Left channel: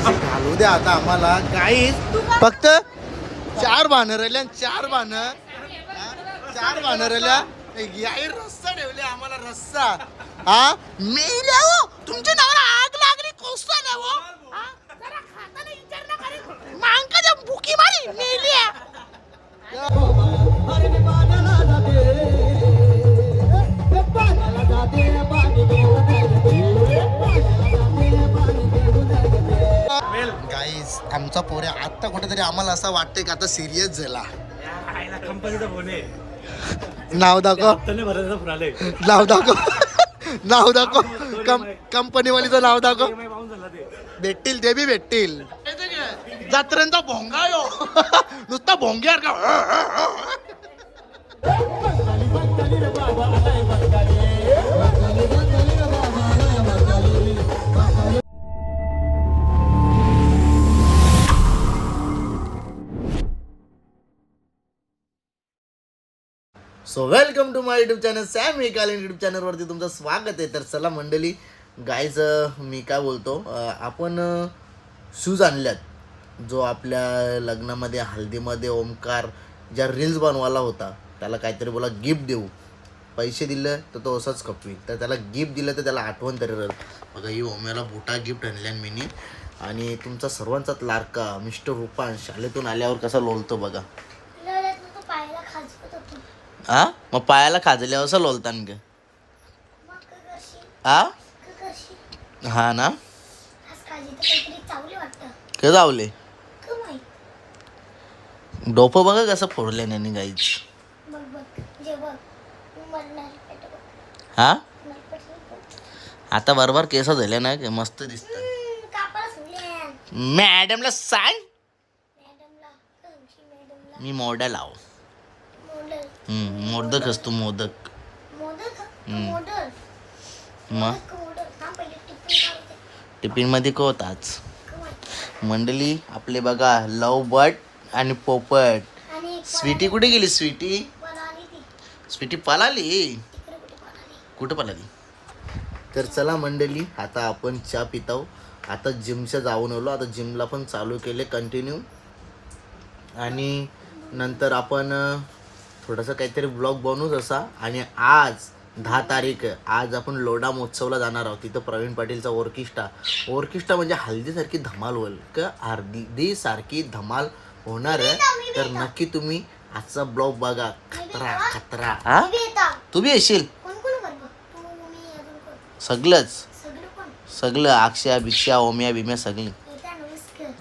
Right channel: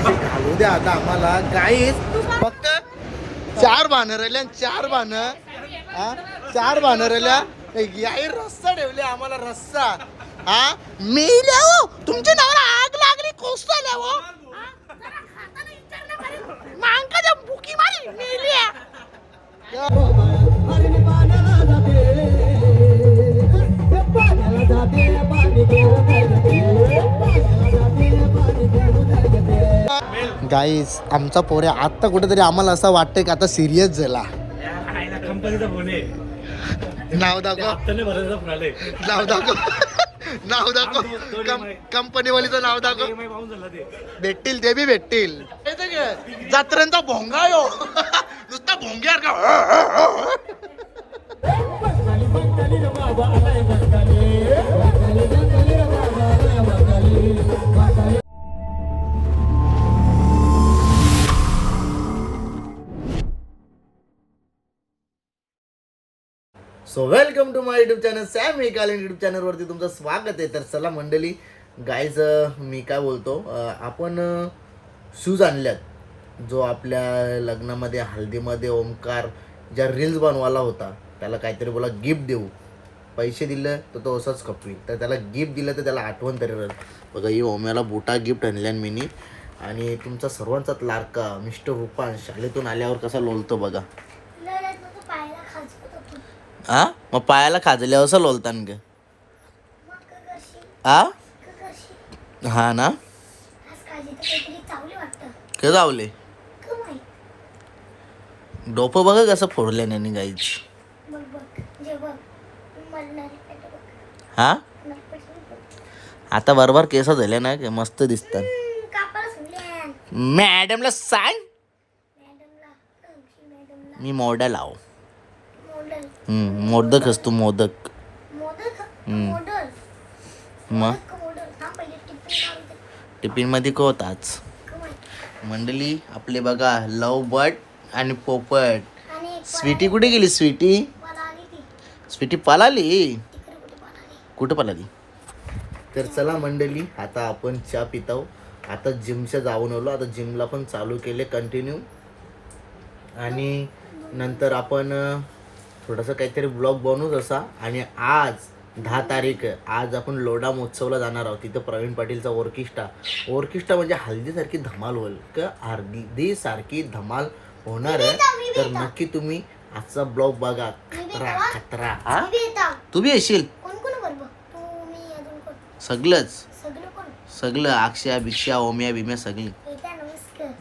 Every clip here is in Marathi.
कशी घालू द्या आता आम्हाला. गाईस फक्त 4 बाणं राहिल्या, 4 बाणं, 4 बाणं राहिल्या. याही रस्सा ठेवले आम्हाला, रस्सा. हा मेल्या हो, तुमच्या नावाला आग लागली, कोसल्या हो. मांका भुकी मारी मेल्या. गाईस आमचा पोऱ्या आता कुठेतरी आम्हाला असं वाटतंय की आता सिरियस झाला. नाव दाखव, नाव दाखव, नाव दाखव, कंपनीवालीचं नाव दाखव. भेटतील ते बी भेटतील. जत्रेंचा भोंगा यो नुसता भोंग्यार का. So welcome to my YouTube channel सॅम कालीन यूट्यूब चॅनलवरती तुमचं स्वागत आहे. तर चला मंडळी, गाईज मी काय बोलतो, आपण शूज आणल्यात. जो आपल्या लग्नामध्ये हल्दीमध्ये ओमकार ज्या रील्स बनवायला होता, त्याला काहीतरी बोला गिफ्ट देऊ. पैसे दिले तर तो असंच खपवी, तर त्याला गिफ्ट दिलं तर त्याला आठवण तरी राहील. बघा ही ओम्याला बुटा गिफ्ट आणल्या मीनी. आणि तुमचा सर्वांचाच लाडका मिस्टर रुपान शाळेतून आल्यावर कसा लोलतो बघा. हा मग पायाला खाजल्यावर असं लोलतान ग. हा ना, का जावले डोपं बघा कसं फोडले नाही गाईच. हा आता बरोबर केस झाले ना, मस्त दिसतात. मॅडमला सांग मी मॉडेल आहो. मोदक असतो, मोदक. मग टिफिन मध्ये कोताच मंडळी आपले बघा लव बर्ड आणि पोपट. स्वीटी कुठे गेली? स्वीटी पळाली. कुठं पळाली? तर चला मंडळी, आता आपण चहा पिताव. आता जिमच्या जाऊन आलो, आता जिमला पण चालू केले कंटिन्यू. आणि नंतर आपण थोडासा काहीतरी ब्लॉग बनवूच असा. आणि आज 10 तारीख, आज आपण लोढा महोत्सवला जाणार आहोत. तिथं प्रवीण पाटीलचा ऑर्केस्ट्रा म्हणजे हल्दीसारखी धमाल होईल का, हल्दी सारखी धमाल होणार आहे. तर नक्की तुम्ही आजचा ब्लॉग बघा. खतरा खतरा. हा तू बी येशील? सगळं अक्षया भिक्षा ओम्या बिम्या सगळी.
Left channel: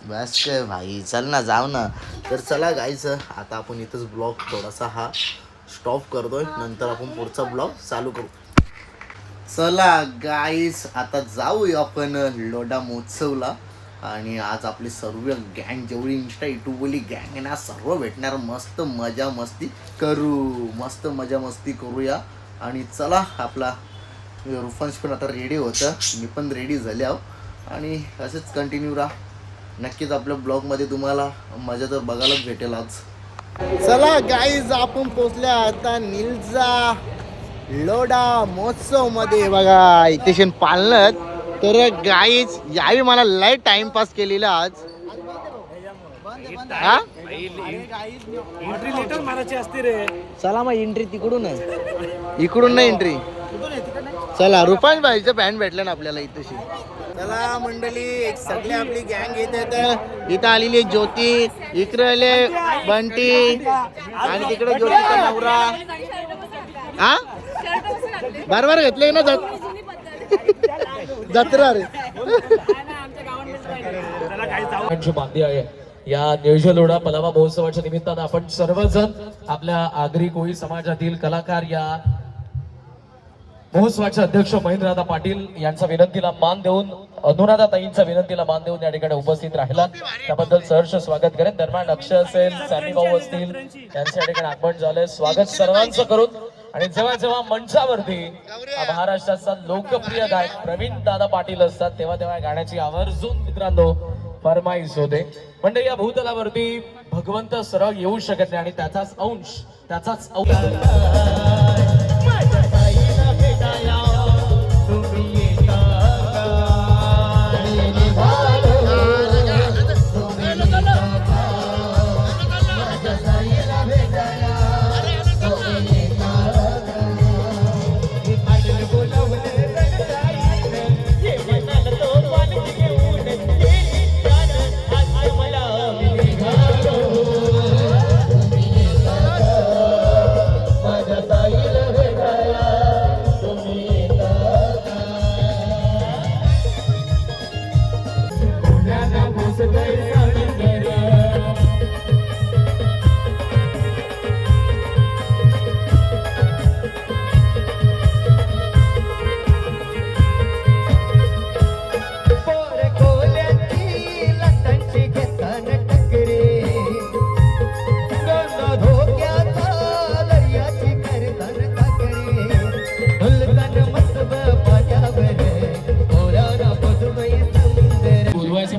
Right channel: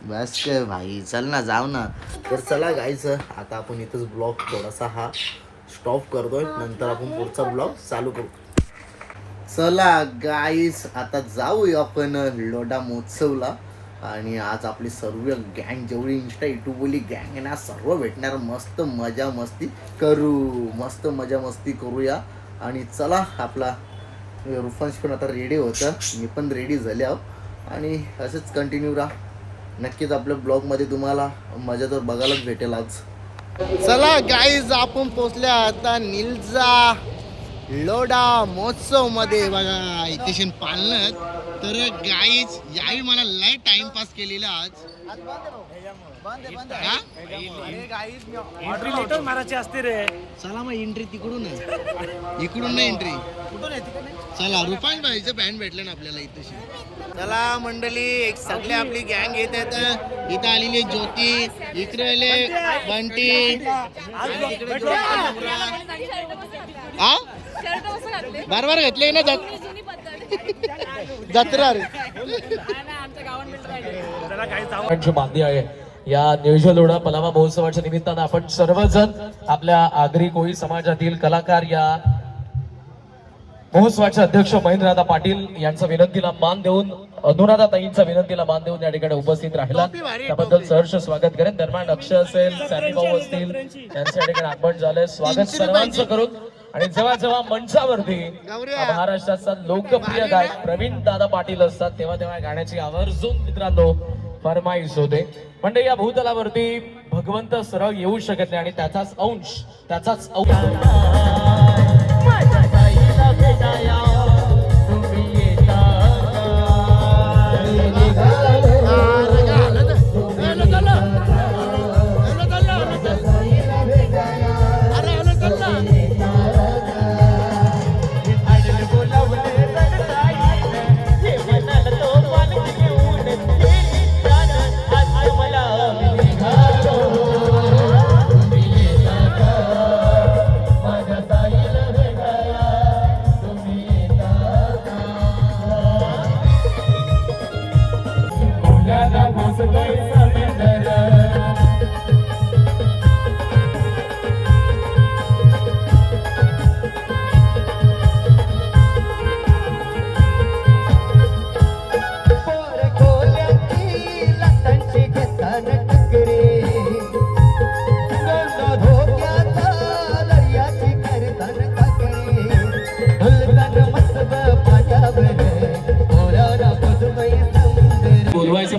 बस काय भाई, चल ना जाऊ ना. तर चला गाईच, आता आपण इथंच ब्लॉग थोडासा हा स्टॉप करतोय, नंतर आपण पुढचा ब्लॉग चालू करू. चला गाईस, आता जाऊया आपण लोढा महोत्सवला. आणि आज आपली सर्व गँग, जेवढी इंस्टा युट्यूबवाली गँग आहे ना, सर्व भेटणार. मस्त मजा मस्ती करूया. आणि चला, आपला रुफांश पण आता रेडी होतं, मी पण रेडी झाले आहो. आणि असेच कंटिन्यू राहा. नक्कीच आपल्या ब्लॉगमध्ये तुम्हाला मजा तर बघायलाच भेटेल आज. चला गाईज, आपण पोचल्या आता निलजा लोढा महोत्सव मध्ये. बघा इथे पालत. तर गाईज यावी मला लय टाइमपास केलेला आज. चला मग एंट्री तिकडून आहे, इकडून नाही एंट्री. चला रुपांश भाईचं पॅन्ट भेटलं ना आपल्याला इथेशी. चला मंडळी, एक सगळे आपली गँग येत आहेत. इथं आलेली ज्योती, इकडे आले बंटी, आणि तिकडे ज्योतीचा नवरा. हा बरोबर घेतले ना जत्रा रे. बांधली आहे या नियोजन लोढा पलामा महोत्सवाच्या निमित्तानं आपण सर्वजण आपल्या आगरी कोळी समाजातील कलाकार या महोत्सवाचे अध्यक्ष महेंद्रदादा पाटील यांचा विनंतीला मान देऊन, अनुराधा ताईंच्या विनंतीला मान देऊन या ठिकाणी उपस्थित राहिला, त्याबद्दल सहर्ष स्वागत करेन. दरम्यान अक्षय असेल, सॅमी भाऊ असतील, त्यांच्या ठिकाणी आगमन झालंय. स्वागत सर्वांचं करून. आणि जेव्हा जेव्हा मंचावरती महाराष्ट्राचा लोकप्रिय गायक प्रवीण दादा पाटील असतात, तेव्हा तेव्हा गाण्याची आवर्जून मित्रांनो फरमाईश होते. म्हणजे या भूतलावरती भगवंत सरळ येऊ शकत नाही, आणि त्याचाच अंश तुम्ही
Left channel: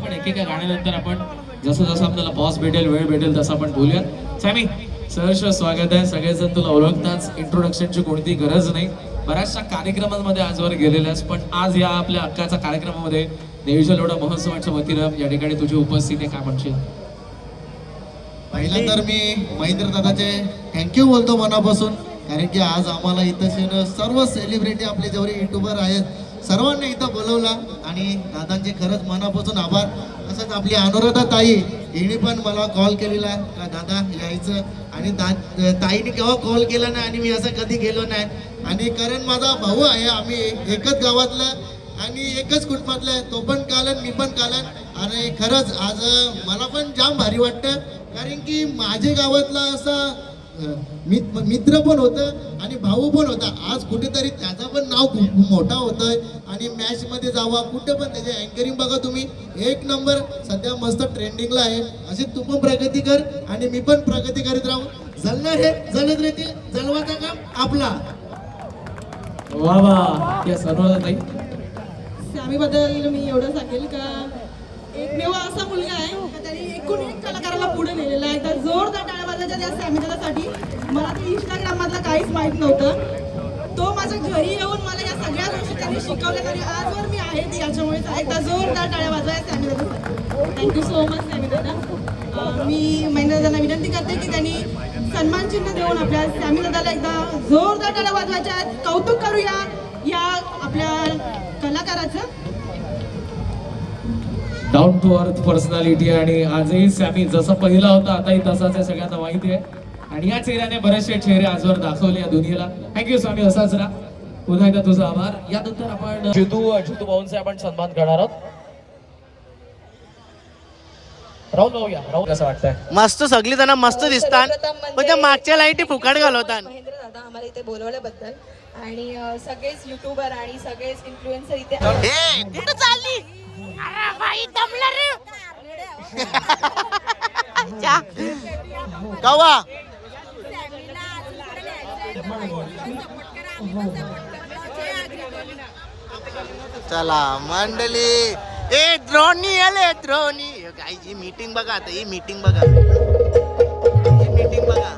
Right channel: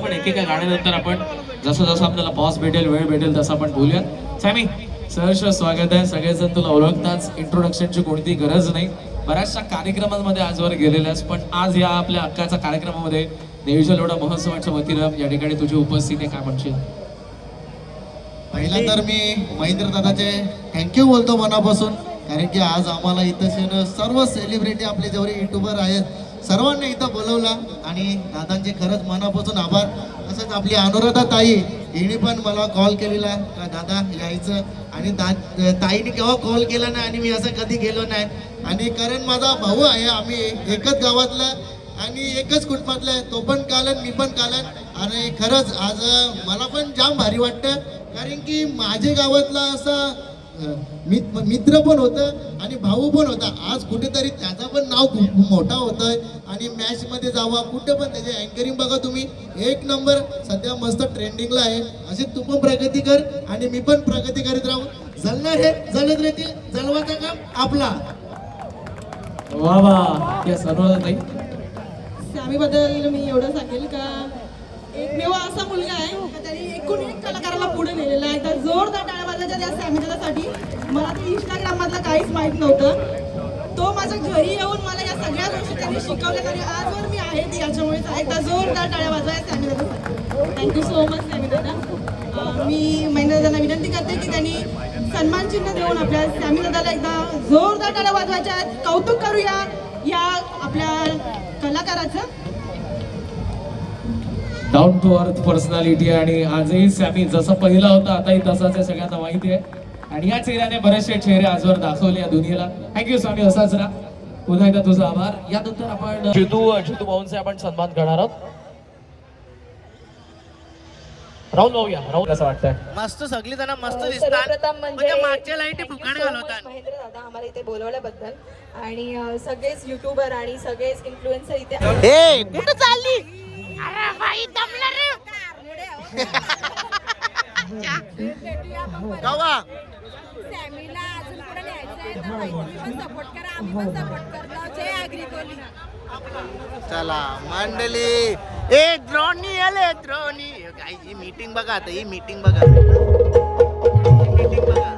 पण एकेका गाण्यानंतर आपण जसं जसं आपल्याला पॉज भेटेल, वेळ भेटेल तसं आपण बोलूयात. सॅमी, सहर्ष स्वागत आहे. सगळेजण तुला ओळखताच, इंट्रोडक्शनची कोणती गरज नाही. बऱ्याचशा कार्यक्रमांमध्ये आजवर गेलेल्यास, पण आज या आपल्या हक्काच्या कार्यक्रमामध्ये देवीच्या लोढा महोत्सवाच्या वतीनं या ठिकाणी तुझी उपस्थिती काय म्हणशील? पहिला तर मी महेंद्र दादाचे थँक्यू बोलतो मनापासून, कारण की आज आम्हाला इथं सर्व सेलिब्रिटी आपले जेवढे युट्यूबर आहेत सर्वांनी इथं बोलवला आणि दादांचे खरंच मनापासून आभार. तसंच आपली अनुराधा ताई, हिने पण मला कॉल केलेला का दादा यायचं, आणि ताईने केव्हा कॉल केला नाही आणि मी असं कधी गेलो नाही. आणि कारण माझा भाऊ आहे, आम्ही एकच गावातला आणि एकच कुटुंबातला आहे, तो पण कालन मी पण कालन. आणि खरंच आज मला पण जाम भारी वाटतं, कारण की माझ्या गावातला असा मित्र पण होतं आणि भाऊ पण होता. आज कुठेतरी त्याचं पण नाव खूप मोठा होतंय आणि मॅच मध्ये जावा कुठे पण त्याचे अँकरिंग बघा तुम्ही, एक नंबर सध्या मस्त ट्रेंडिंगला आहे. अशी तू पण प्रगती कर आणि मी पण प्रगती करीत राहू. जलणार हे जलत राहतील, जलवाचा काम आपला. वा वा, या सर्व ताई. सॅमीबद्दल मी एवढं सांगेल का एकमेव असा मुलगा आहे का त्याने एकूण एक कलाकाराला पुढे नेलेला आहे. तर जोरदार टाळ्या वाजवायच्या त्या सॅमीदादासाठी. मला ते इंस्टाग्राम मधलं काहीच माहित नव्हतं. तो माझ्या घरी येऊन मला या सगळ्या गोष्टी त्यांनी शिकवल्या आणि आजवर मी आहे ती याच्यामुळे. एकदा जोरदार टाळ्या वाजवायच्या सॅमीदादासाठी. थँक्यू सो मच सॅमीदादा. मी महेंद्रदादांना विनंती करते की त्यांनी सन्मान चिन्ह देऊन आपल्या सॅमीदादाला एकदा जोरदार टाळ्या वाजवायच्या आहेत. कौतुक करूया या आपल्या कलाकाराचं. डाऊन टू अर्थ पर्सनॅलिटी आणि आजही सॅमी जसं पहिला होता आताही तसाच आहे, सगळ्यांना माहिती आहे. आणि या चेहऱ्याने बरेचसे चेहरे आजवर दाखवले या दुनियेला. थँक्यू स्वामी, असाच राहा. पुन्हा एकदा तुझा आभार. यानंतर आपण जितू भाऊंचे आपण सन्मान करणार आहोत. राहुल भाऊ या. राहुल, कसं वाटतंय? मस्त, सगळी जण मस्त दिसतात, पण त्या मागच्या लाईटी फुकाट घालवतात. महेंद्र दादा आम्हाला इथे बोलवल्याबद्दल आणि सगळेच युट्यूबर आणि सगळेच इन्फ्लुएन्सर इथे. हे कुठं चालली? अरे बाई दमला रे. कवा फॅमिलीला अजून पुढे न्यायचंय तर तुम्ही पण सपोर्ट करा, आम्ही पण सपोर्ट करतो. जय अग्रिकोली. चला मंडळी, ए द्रोणी आले, द्रोणी. ही मीटिंग बघा आता, ही मीटिंग बघा, मीटिंग बघा.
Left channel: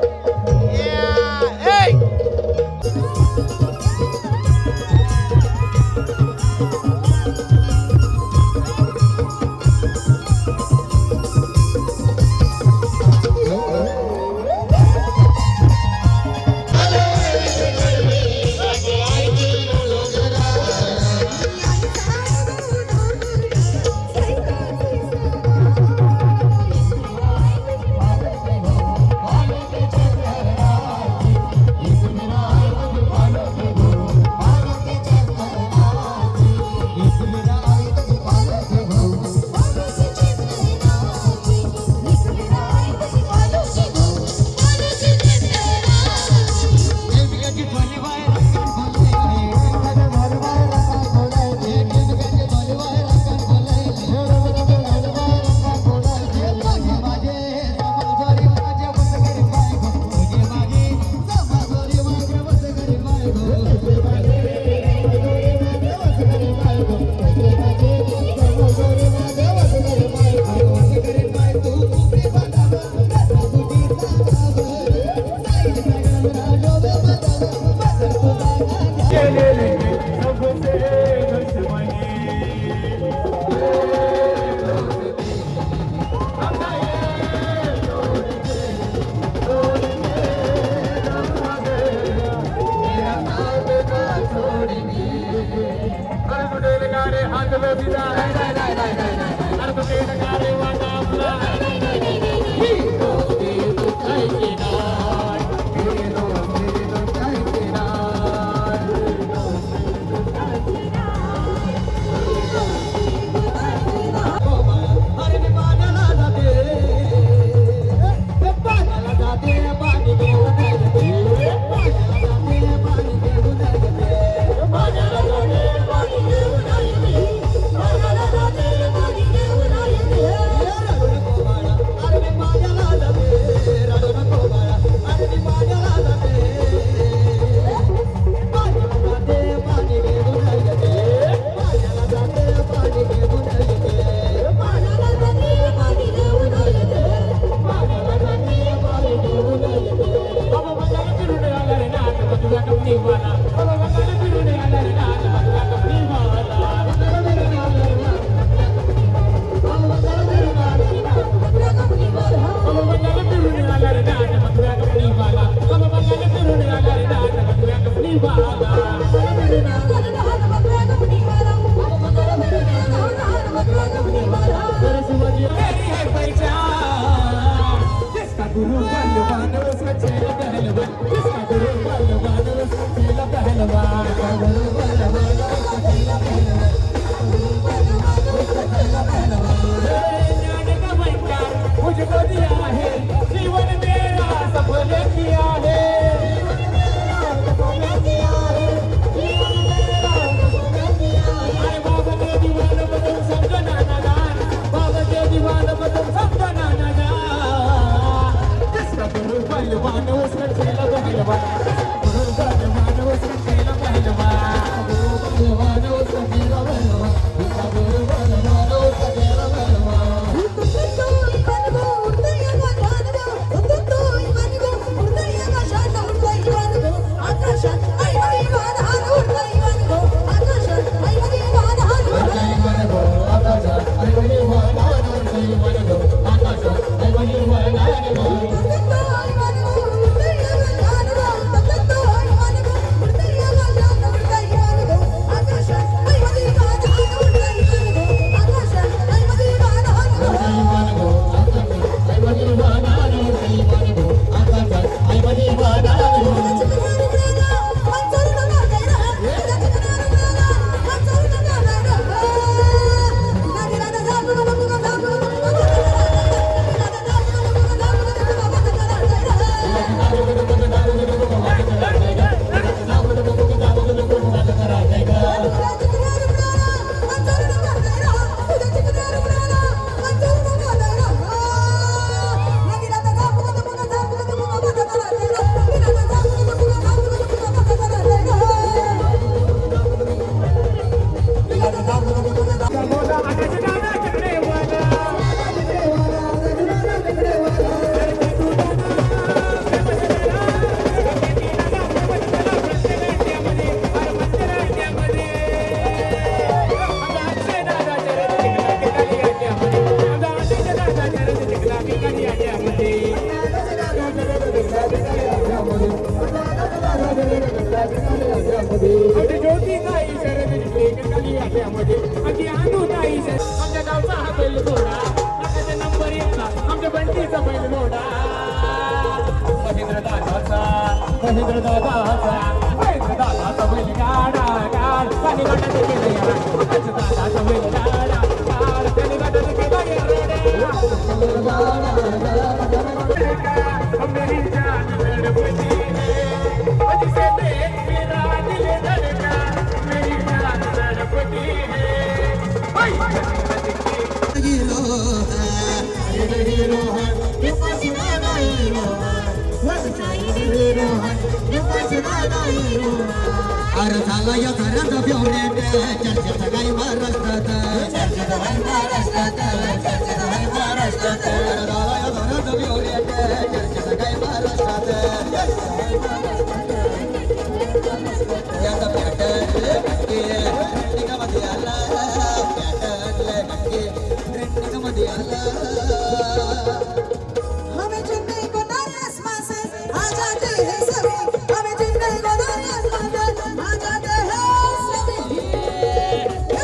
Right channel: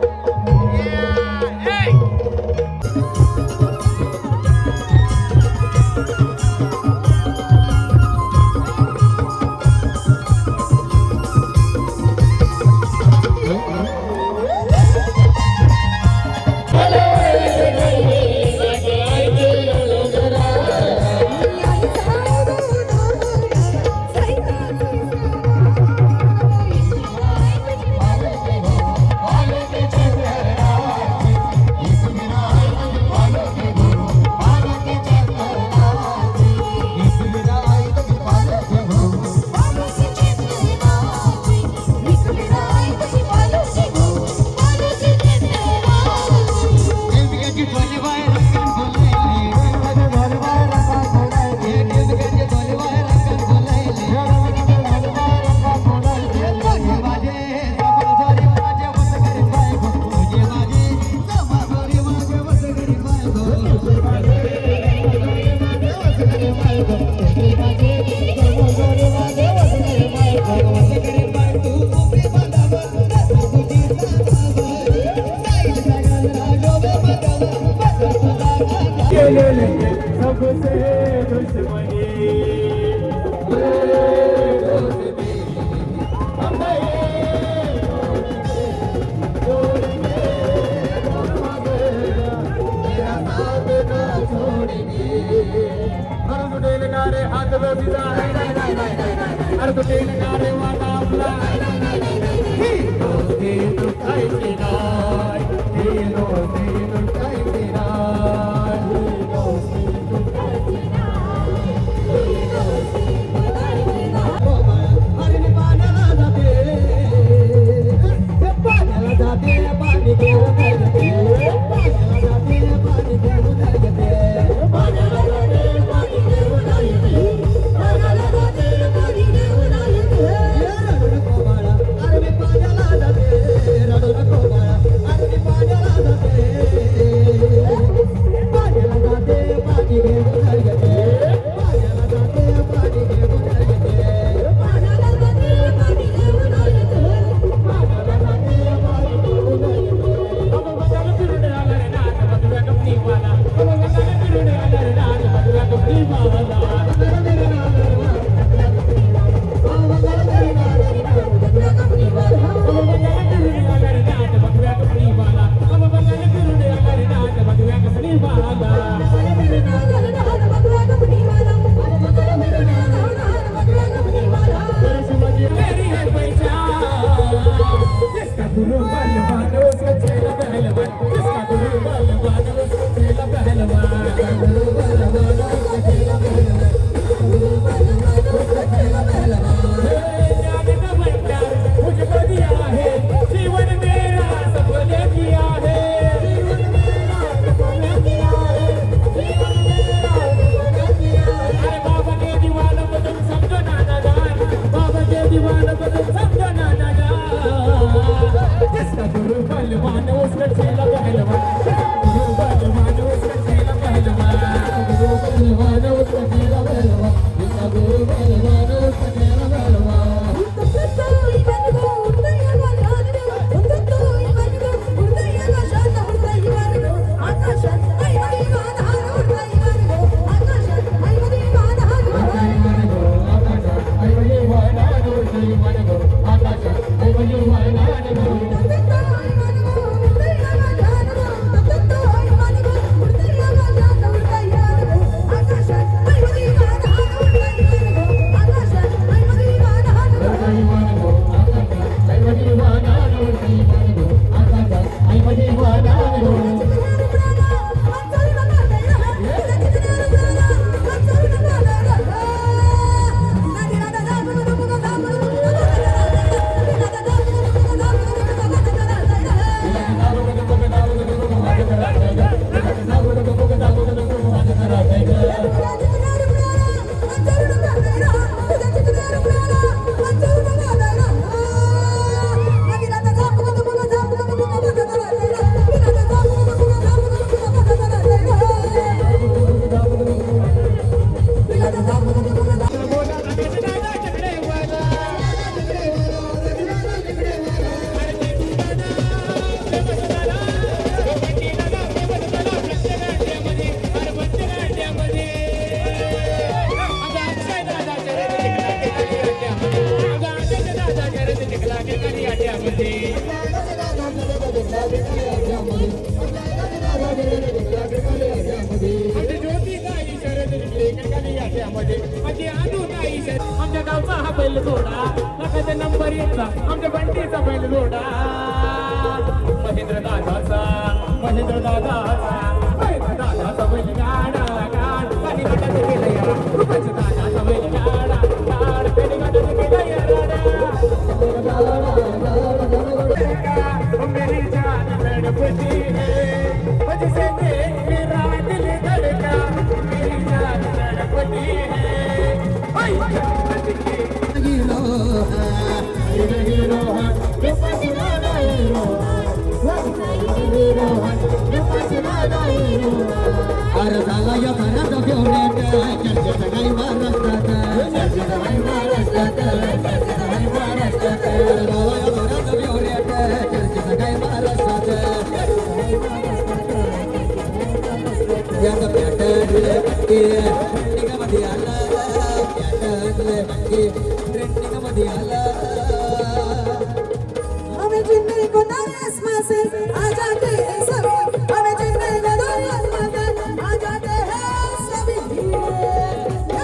हमें जिंदगी को आसमां से आ जाते हैं सभी, हमें जिंदगी को आसमां से आ जाते हैं सभी।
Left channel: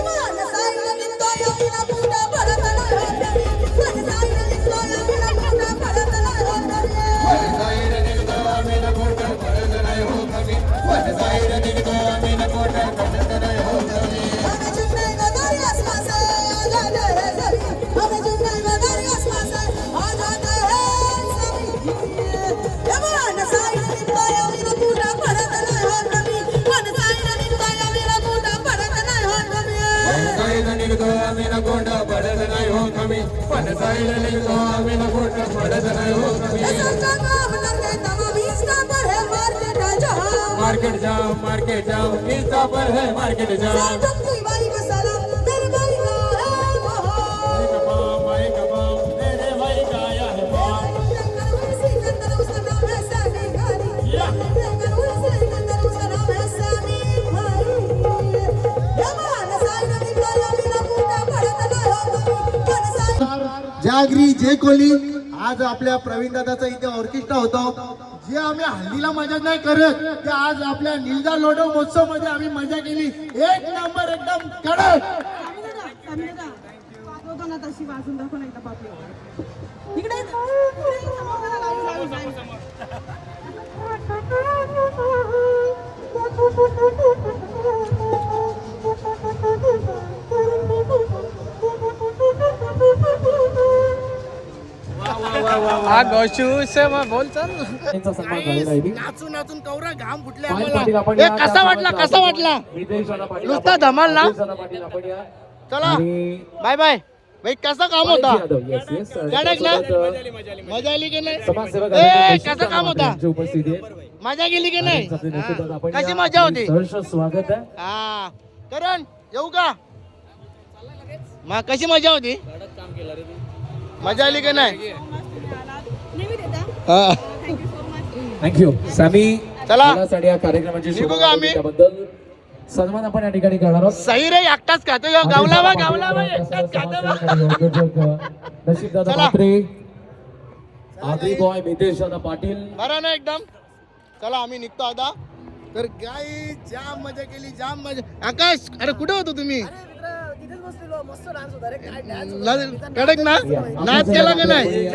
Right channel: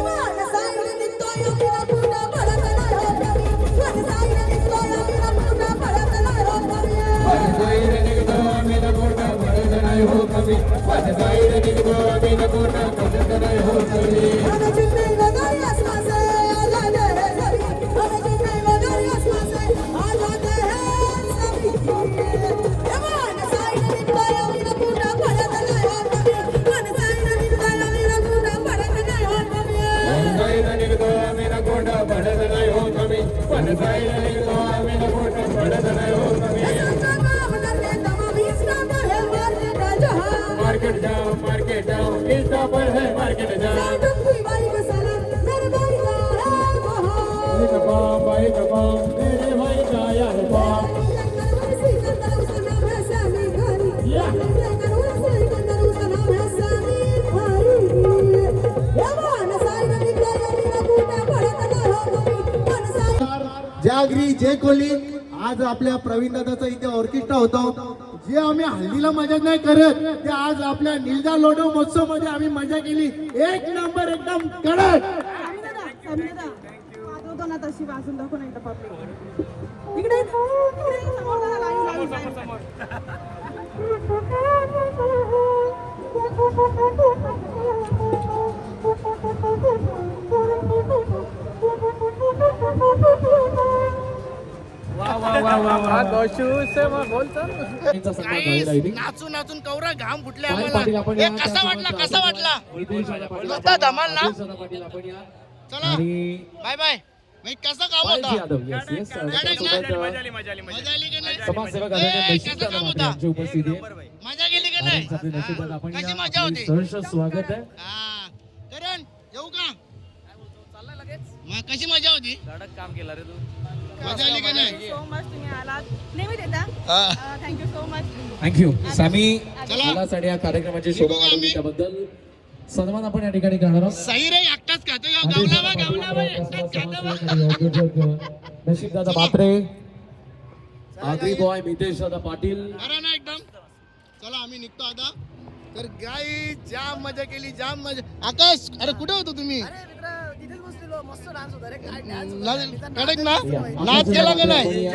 मन साइड निकलो या बिना पूरा पड़ता ना हो नबी, मन साइड निकलो या बिना पूरा पड़ता ना हो नबी, मन साइड निकलो या बिना पूरा पड़ता ना हो कभी, मन साइड निकलो या बिना पूरा पड़ता ना हो कभी। हमें जिंदगी को आसमां से आ जाते हैं सभी, हमें जिंदगी को आसमां से आ जाते हैं सभी। मन साइड निकलो या बिना पूरा पड़ता ना हो नबी, मन साइड निकलो या बिना पूरा पड़ता ना हो नबी, मन साइड निकलो या बिना पूरा पड़ता ना हो कभी, मन साइड निकलो या बिना पूरा पड़ता ना हो कभी। सोचा काम करने तब भी इसका पर है मार्केट जाम, मार्केट जाम, इसका पर है मार्केट जाम। तुमकी भाई को सलाम, मेरे भाई का है वहाँ, एक बाम भाई का बाम, मेरे भाई का आया है बाम। सिकंदर उसका नाम है सैमी खानी, सिकंदर उसका नाम है सैमी खानी। ये मान साइड निकलो या बिना पूरा पड़ता ना हो कभी, मन साइड। जागरी जय कोहली. आज आपल्या प्रवीण दादाचा इथे ऑर्केस्ट्रा होता. जे आम्ही हल्लीला मजा नाही करत ते आज आपल्या निलजा लोडो महोत्सव मध्ये आम्ही मजा केली. एक नंबर एकदम कडक. वाजवतो ना तशी वाजून दाखव नाही तर पब्लिक इकडे समोर बघा, live. त्यांचा सन्मान झालेला आहे. नाचून नाचून कवरा घाम फुटले पाटील आपण आम्हाला. या कसा वाटला कसा वाटला नितेश दादा पाटील नुसता आपण- धमाल ना? नितेश दादा पाटील आपण या. चला आणि बाय बाय भाई कसा काम होता यादव, yes, yes. कडक ना? त्यासोबत, मजा आली की नाही समाजसेवक ए, आदरणीय कसा दीक्षित काम होता यांची उपस्थिती आहे. मजा गेली की नाही आणि आपले नशीबवान आपण कशी या. मजा होती सहर्ष स्वागत आहे. हा करण येऊ का मग कशी मजा होती मजा आली की नाही नेहमी देता हा. Thank you so much. Thank you Sammy चला. मुलासाठी या कार्यक्रमाची निघू शोभा का आम्ही? त्याबद्दल सन्मान आपण या ठिकाणी करणार आहोत. सही रे एकटाच खातो ह्यो. गावला वा गावला वा एकटाच खातो वा. नशीबदादा चला. पात्रे आगरी बॉय मितेश दादा पाटील बरं ना एकदम चला आम्ही निघतो आता तर गाई जाम मजा केली जाम मजा आकाश अरे कुठे होतो तुम्ही कडक ना नाच केला का नाही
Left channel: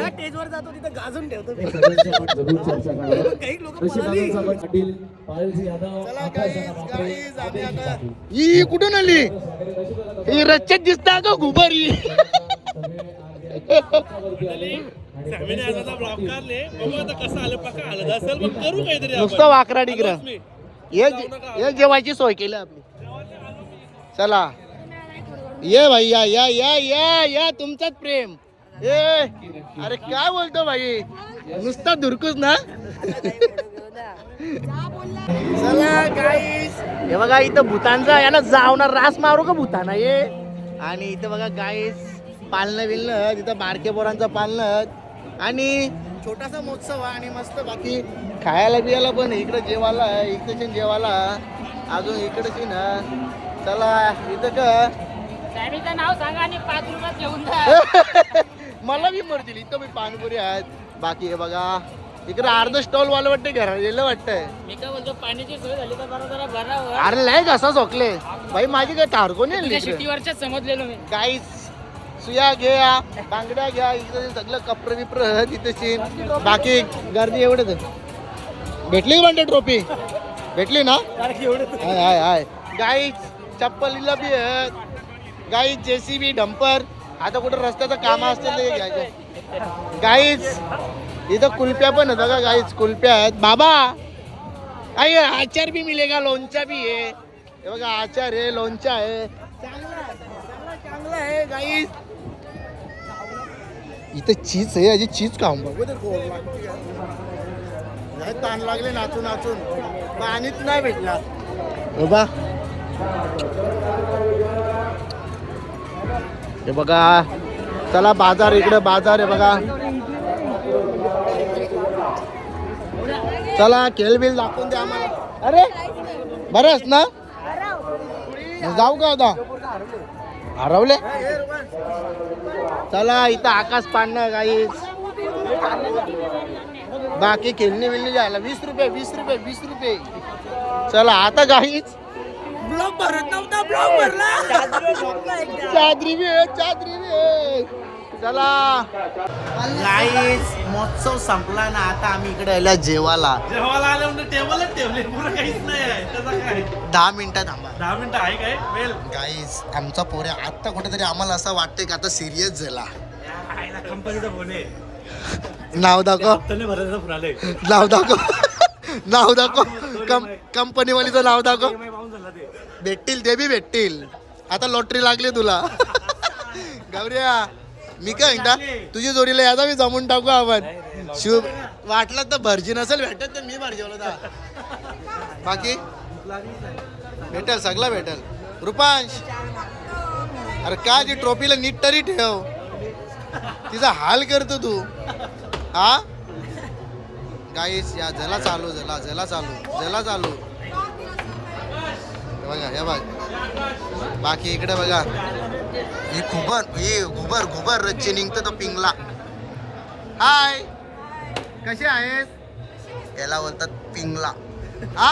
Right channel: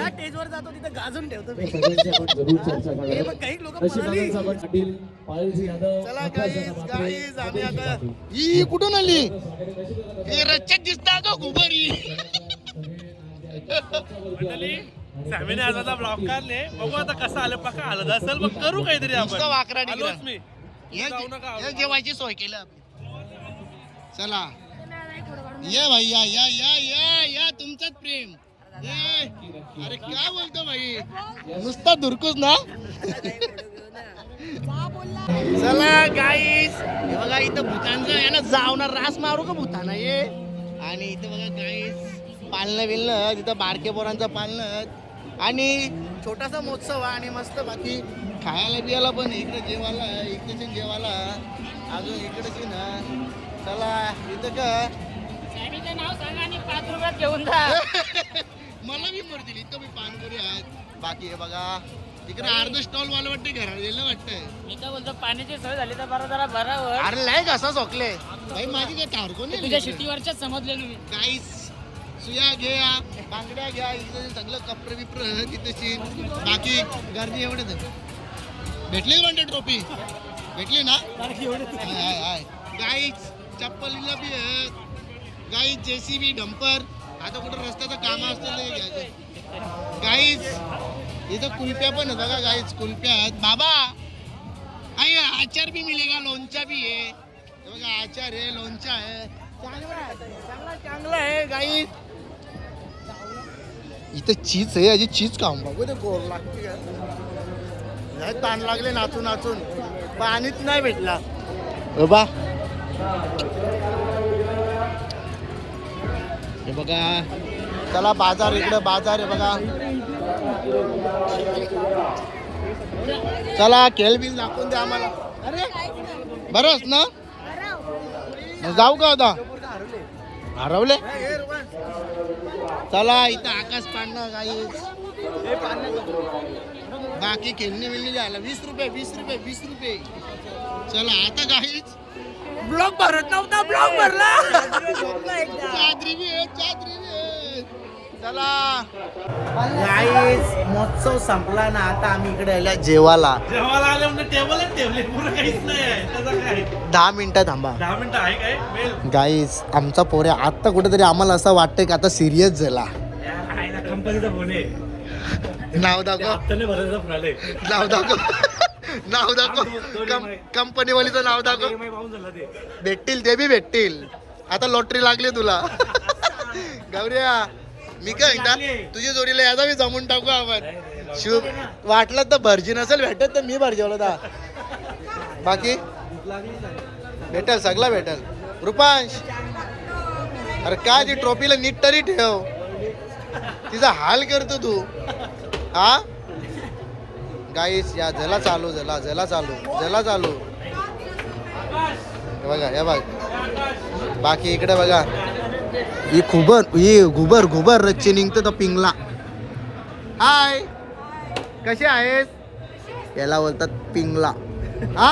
चला गाईज आम्ही आता ही कुठून आली ही रच्चेत दिसता का गुबरी नुसतं वाकरा डिग्रा हे जेवायची सोय केली आपली चला ये भाई या या या या या तुमचाच प्रेम ए अरे काय बोलतो भाई नुसता धुरकूस ना चला गाईस हे बघा इथं भूतांचा याला जावणार रास मारू का भूताना ये आणि इथं बघा गाईस पालणं बिलणं तिथं बारके पोरांचं पालणं आणि छोटासा महोत्सव आहे आणि मस्त बाकी खायला बियाला पण इकडे जेवायला आहे इकडे जेवायला अजून इकडे ना चला इथं का नाव सांगा आणि 5 रुपयात जेवून जा. मला बी मरतील इथं मी पाणीपुरी आहेत बाकी हे बघा इकडे अर्ध स्टॉल वाला वाटते घरा गेलं वाटतंय मी काय बोलतो पाण्याची सोय झाली तर बरं जरा भरावर अरे नाही कसा झोकले भाई माझी काय तारको नाही शिट्टीवरच्या समजलेलो मी काहीच सुया घ्या बांगड्या घ्या इकडे सगळं कप्र विप्र तिथे बाकी गर्दी एवढंच भेटली म्हणते ट्रॉफी भेटली ना हाय हाय हाय गाईच चप्पलीला बी आहेत गाईच जेसीबी डंपर आता कुठं रस्त्याचं काम असतील ते घ्यायचे गाईच इथं कुल्प्या पण आहेत का गाईच कुल्प्या आहेत बाबा आई आचार बी मिलेगा लोणचा बी आहे हे बघा आचार आहे लोणचा आहे चांगला आहे गाईच इथं चीज आहे अजी चीज खाऊन बघू ते गोड लागते नाही ताण लागले नाचून नाचून पाणीच नाही भेटला बाबा हे बघा चला बाजार इकडे बाजार आहे बघा चला खेळ बिल दाखवून द्या आम्हाला अरे बरंच ना जाऊ का आता हरवले चला इथं आकाश पाडणं काही बाकी खेळणी बिलणी जायला 20 रुपये 20 रुपये 20 रुपये चला आता काहीच ब्लॉक भरत नव्हता ब्लॉक भरला चादरी बी आहे चादरी बी आहे चला गाईस महोत्सव संपला ना आता आम्ही इकडे आल्या जेवायला आले म्हणजे टेबलच ठेवले पुरं काहीच नाही आहे त्याचा काय 10 मिनिटं थांबा 10 मिनिटं आहे काय वेल गाईस आमचा पोरे आता कुठेतरी आम्हाला असं वाटतंय की आता सिरियस झाला कंपनीचं फोन आहे नाव दाखव हप्त्याने भरायचं फुराले नाव दाखव नाव दाखव कंपनीवालीचं नाव दाखव EMI पाहून झाला ते भेटतील ते बी भेटतील आता लॉटरी लागली तुला गौऱ्या मी काय म्हणता तुझी जोडीला याचा मी जमून टाकू आपण शुभ वाटलं तर भरजी नसेल भेटत तर मी भरजेवलं होता बाकी भेटेल सगळं भेटेल रुपांश अरे काय ती ट्रॉफीला नीट तरी ठेव तिचा हाल करतो तू हा गाईस या जला चालू जला चालू हे बघा हे बघ बाकी इकडे बघा ही घुबर रच्चे निघतं तर पिंगला हाय कसे आहेस याला बोलतात पिंगला हा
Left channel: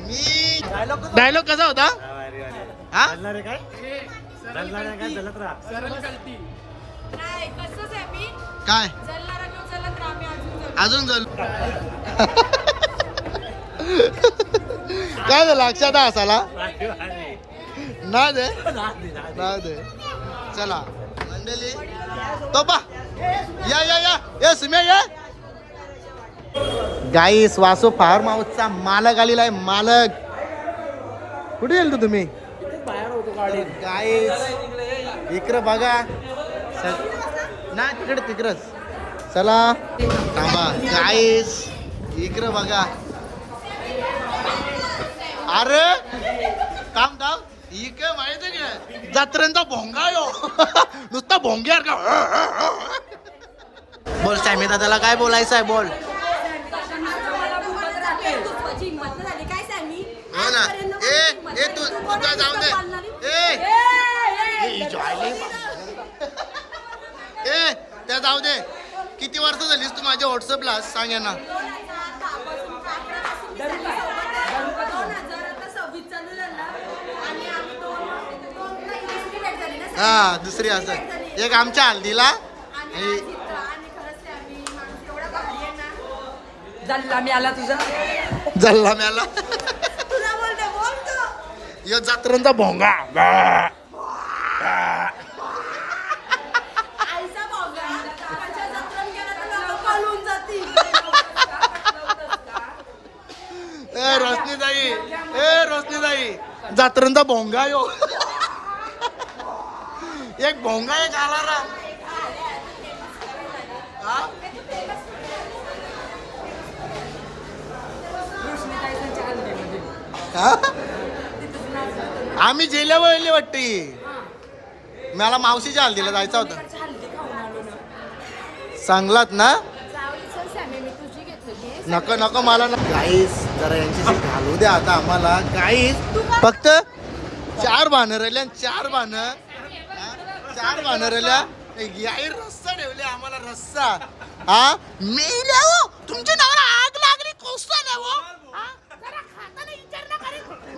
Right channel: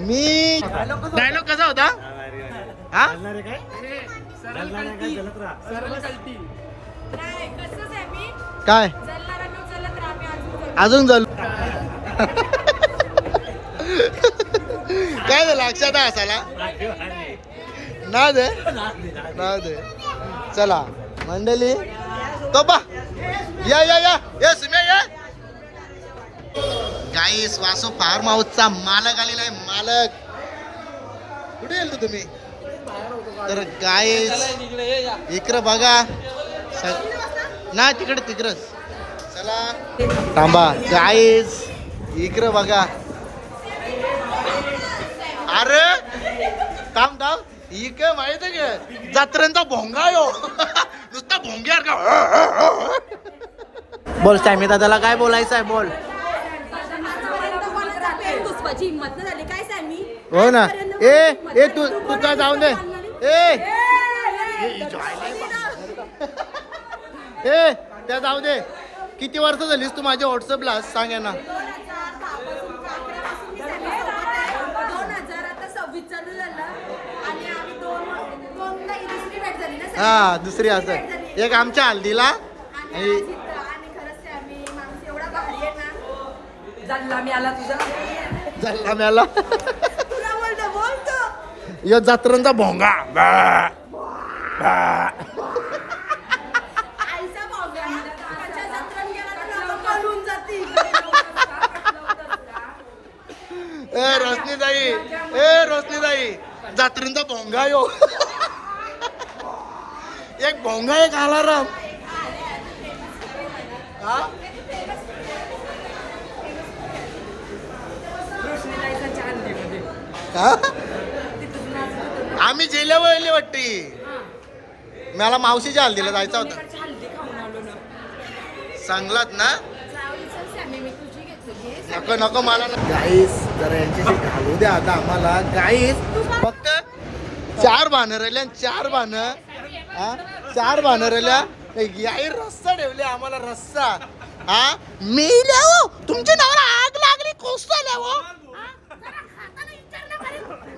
मी डायलॉग कसा होता हा नाही कसंच आहे मी काय जलणाऱ्यांना चलत राहा मी अजून अजून झालं काय झालं लक्षात असाला ना दे ना दे चला मंडळी तो पा या या या ये सुम्या या गाईस वासो फार्म हाऊसचा मालक आलेला आहे मालक कुठे गेल तुम्ही तर गाईस इकडं बघा ना तिकडंच चला थांबा गाईस इकडं बघा अरे थांब इकडे माहित आहे का जत्रेंचा भोंगा यो नुसता भोंग्यार का बोल सॅमी दादाला काय बोलायचं आहे बोल हिंमत नाही झाली काय सांगली हो ना ए तू काय जाऊ दे ए त्या जाऊ दे किती वर्ष झालीस तू माझ्या व्हॉट्सअपला सांग ना 2000 आता 26 चालू झालं आणि आम्ही दोनला दुसरी भेट झाली ना हा दुसरी असं एक आमच्या हल्दीला आणि खरंच आम्ही माणूस एवढा भारी आहे ना जल्ला मी आला तुझा जल्ला म्याला तुला बोलतो यो जत्रेंचा भोंगा आईचा भावगा त्याच्या जत्रण गेला तर लोक पळून जातील ए रोशनीताई जत्रेंचा भोंगा यो एक भोंगा एक अलाराम हा हा? आम्ही जेल्यावर येले वाटते मला मावशीच्या हल्दीला जायचं होतं सांगलात ना नको मला गाईस जरा यांच्याशी घालू द्या आता आम्हाला गाईस फक्त 4 बाणं राहिल्या 4 बाणं 4 बाणं राहिल्या याही रस्सा ठेवले आम्हाला रस्सा हा मी हो तुमच्या नावाला आग लागली कोसल्या हो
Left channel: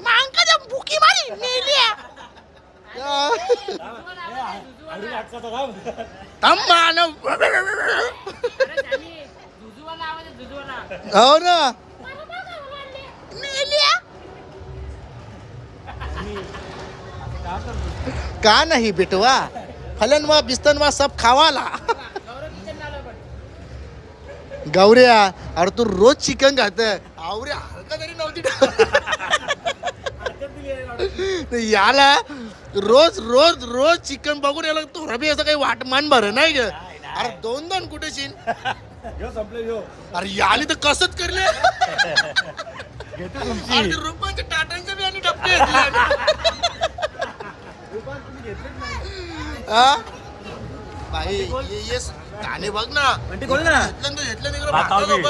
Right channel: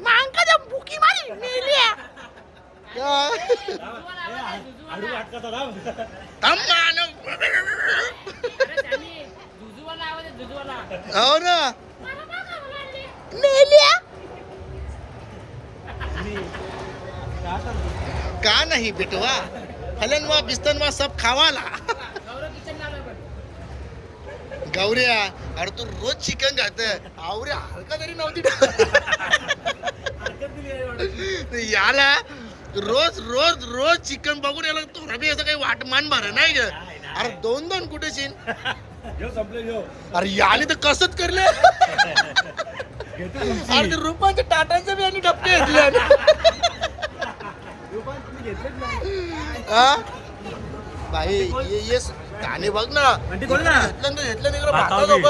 मांका द्या बुकी मारी मेल्या हो ना मेल्या का नाही बेटवा हलनवा बिस्तनवा सब खावाला गौऱ्या अरे तू रोज चिकन खात आवऱ्या हलका तरी नव्हती याला रोज चिकन बघून याला तो रबी असं काही वाटमान भर नाही ग अरे 2 कुठे शिन अरे याली तर कसंच करले अरे रुपाच्या टाटांचे बी आणि डबके घेतले हा भाई ये गाणे बघ ना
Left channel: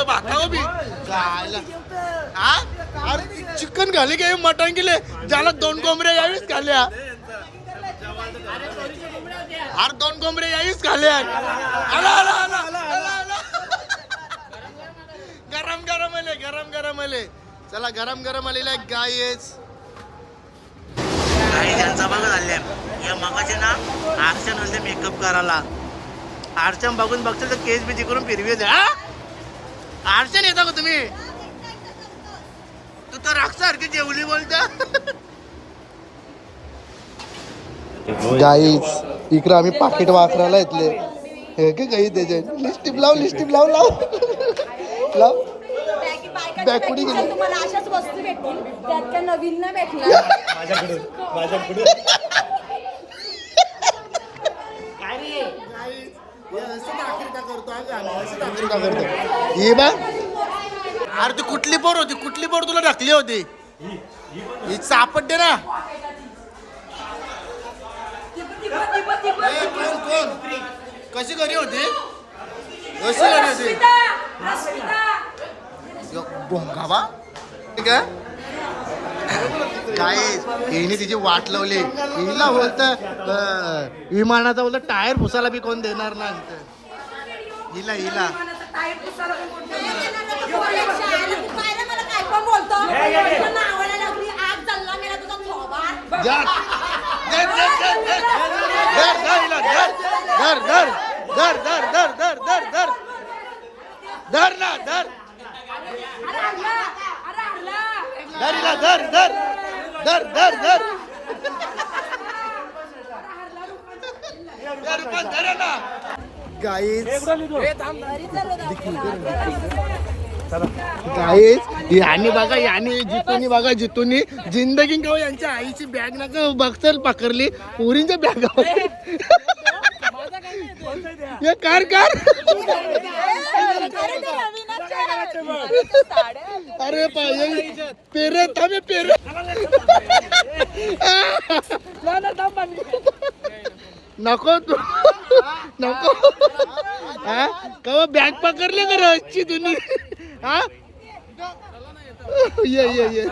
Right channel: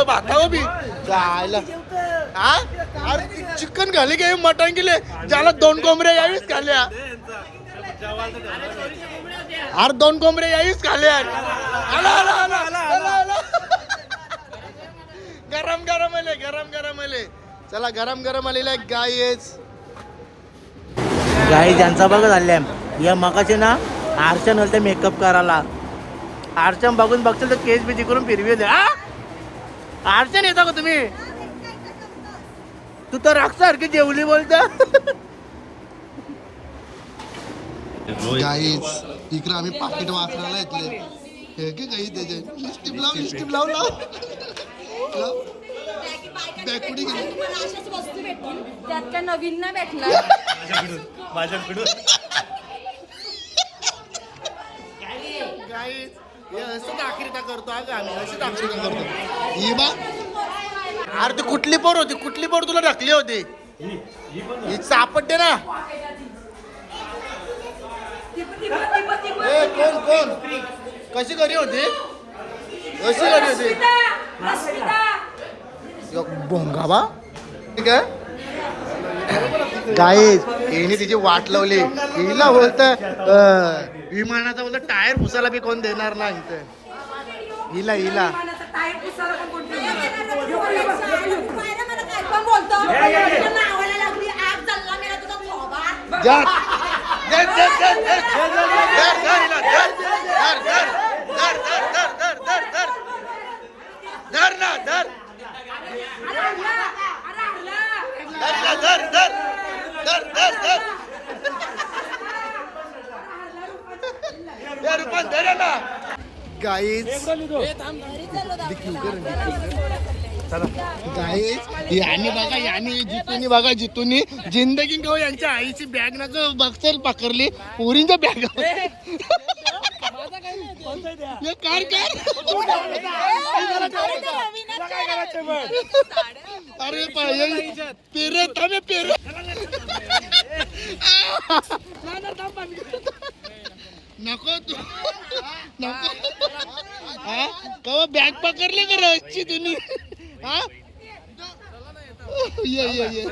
भाता बी गायला हा अरे चिकन घाले की मटण गेले ज्याला 2 कोंबड्या यावीच खाल्ल्या अरे 2 कोंबड्या यावीच खाल्ल्या गरम आले चला गरम आलेला गाई ज्यांचा बघत आल्या या मगाचे ना आरचन होते मेकअप करायला आरचन बघून बघशील तर केस बिजी करून फिरवी द्या आरचन येता का तुम्ही तू तर राक्षसारखी जेवली बोलता गाई इकडे आम्ही पाकिट वापरायला येतले हे की काही त्याचे लिस्टिप लाव बॅकुडी गेली तुम्हाला अशाच वस्तू भेटतील त्यात त्या नवीन ना भेटणार माझ्याकडून ही बा अरे ती कुठली पोर तुला ढकली होती ही सापडते ना कोण कशी घरी होती बा ठीक आहे गाई हिने तिची वाट लावली हिला बोलत विमानाचा बोलत टायर पुसायला बी कोण देणार ना इथं हिला बोलतो धर धर धर धर धर धर धर हिला, धर धर धर धर धर धर धर धर धर धर ना धर धर धर धर धर धर धर पण धर ना गाईज गाईज याने बघा याने जितूनी बघा जितूनी जिंदगी केव्हा यांच्या आईची बॅग ना बघसल पकडली पोरींच्या बॅग ये कार कार अरे पेरे थांबे पेरे नको तू नको हा कवा बॅग पकडले का रसची तुम्ही हा ये ये ये